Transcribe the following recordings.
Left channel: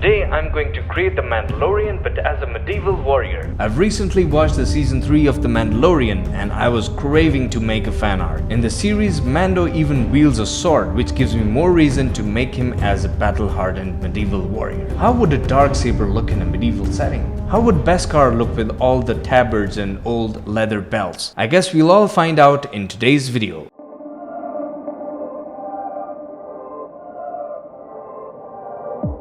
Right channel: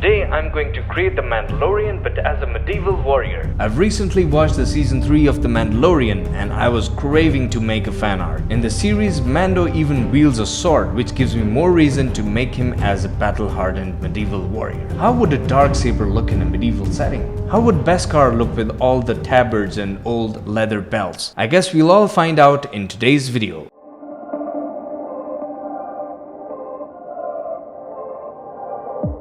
Today I'm going to create the Mandalorian but as a medieval warrior. I've recently watched the season 3 of The Mandalorian and I was craving to make a fan art. In the series, Mando even wields a sword, which gives me more reason to make him as a battle-hardened medieval warrior. How would a darksaber look in a medieval setting? How would Beskar look with all the tabards and old leather belts? I guess we'll all find out in today's video.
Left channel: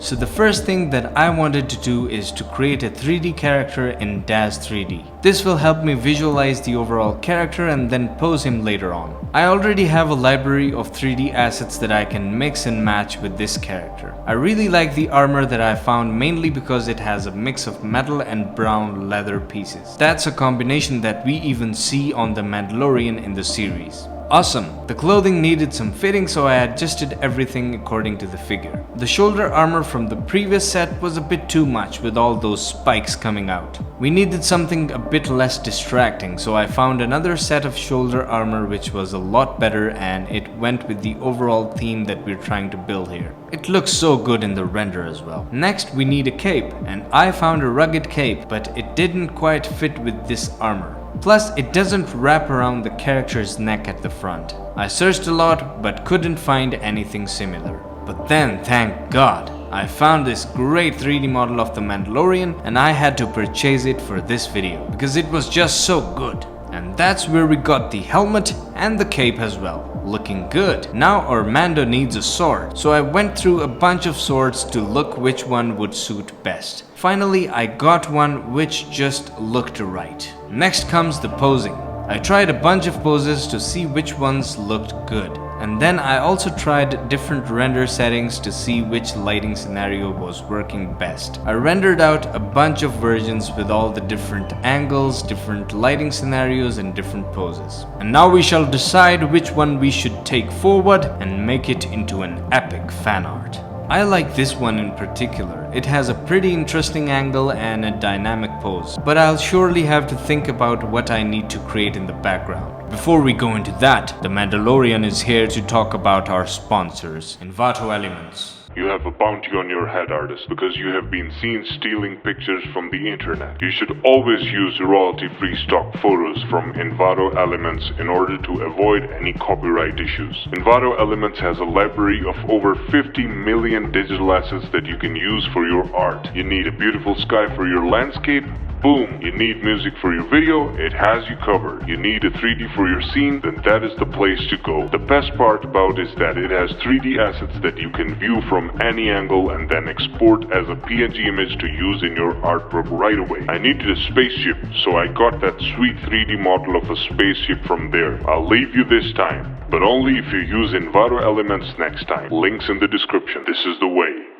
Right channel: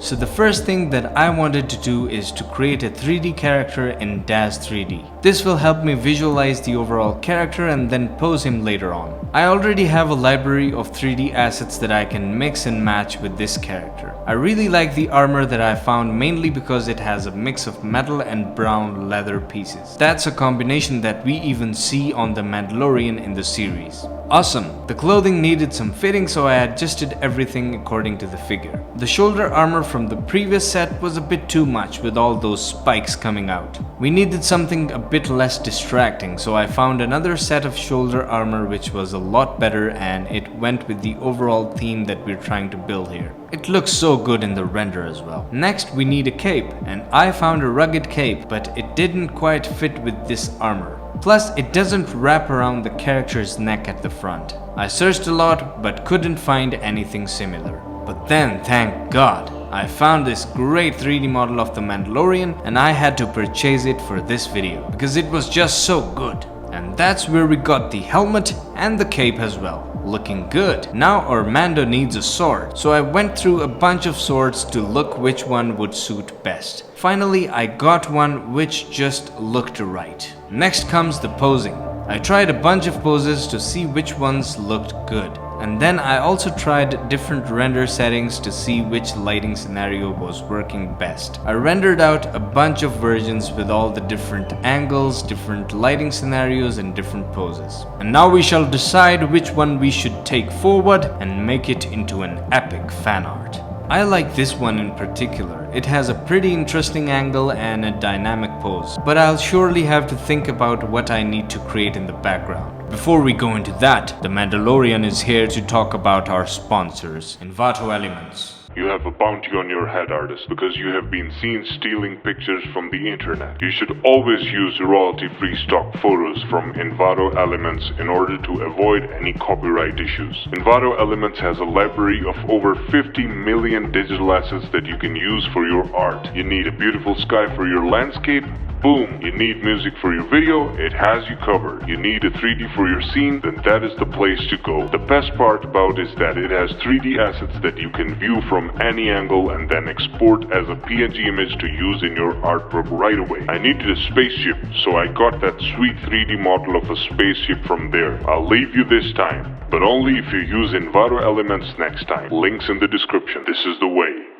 So the first thing that I wanted to do is to create a 3D character in DAZ 3D. This will help me visualize the overall character and then pose him later on. I already have a library of 3D assets that I can mix and match with this character. I really like the armor that I found mainly because it has a mix of metal and brown leather pieces. That's a combination that we even see on the Mandalorian in the series. Awesome! The clothing needed some fitting, so I adjusted everything according to the figure. The shoulder armor from the previous set was a bit too much with all those spikes coming out. We needed something a bit less distracting, so I found another set of shoulder armor which was a lot better and it went with the overall theme that we're trying to build here. It looks so good in the render as well. Next we need a cape, and I found a rugged cape, but it didn't quite fit with this armor. Plus, it doesn't wrap around the character's neck at the front. I searched a lot but couldn't find anything similar. But then, thank God, I found this great 3D model of the Mandalorian and I had to purchase it for this video because it was just so good. And that's where we got the helmet and the cape as well. Looking good. Now our Mando needs a sword, so I went through a bunch of swords to look which one would suit best. Finally, I got one which just looked right. Next comes the posing. I tried a bunch of poses to see which ones looked good. And then I also tried different render settings to see which lighting scenario was working best. I rendered out a bunch of versions with all the different angles, different lighting scenarios and different poses. And now we shall decide which one we should take forward and make it into an epic fan art. I like this one in particular. It has a pretty interesting angle and a dynamic pose, but I'll surely have to think about what I need to create in the background. Before we go into that, the Mandalorian is here to talk about our sponsors, Envato Elements. You have a bounty on your head, artist, because you have been seen stealing pictures from the internet. You should always use royalty-free stock photos from Envato Elements in order to avoid any copyright issues. Envato Elements has a library of over 50 million digital assets that you can use for your art. You need a beautiful sky for your landscape? Boom! You need music for your video? It has you covered. You need a 3D for your scene? Then that is the place to go. The best part about it is that it has 3D assets that you can view from any angle and then export as a PNG image to use in your artwork right away. I needed a spaceship, so I got that sweet 3D model of a spaceship from there. I'll leave you this time, but only if you use Envato Elements next time. Links in the description. This is the way.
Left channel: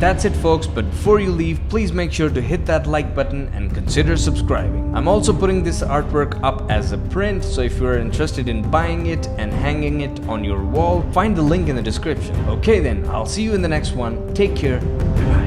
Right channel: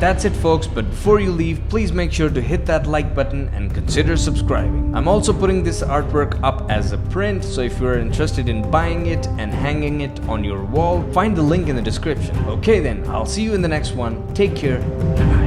That's it folks, but before you leave, please make sure to hit that like button and consider subscribing. I'm also putting this artwork up as a print, so if you're interested in buying it and hanging it on your wall, find the link in the description. Okay then, I'll see you in the next one. Take care. Bye.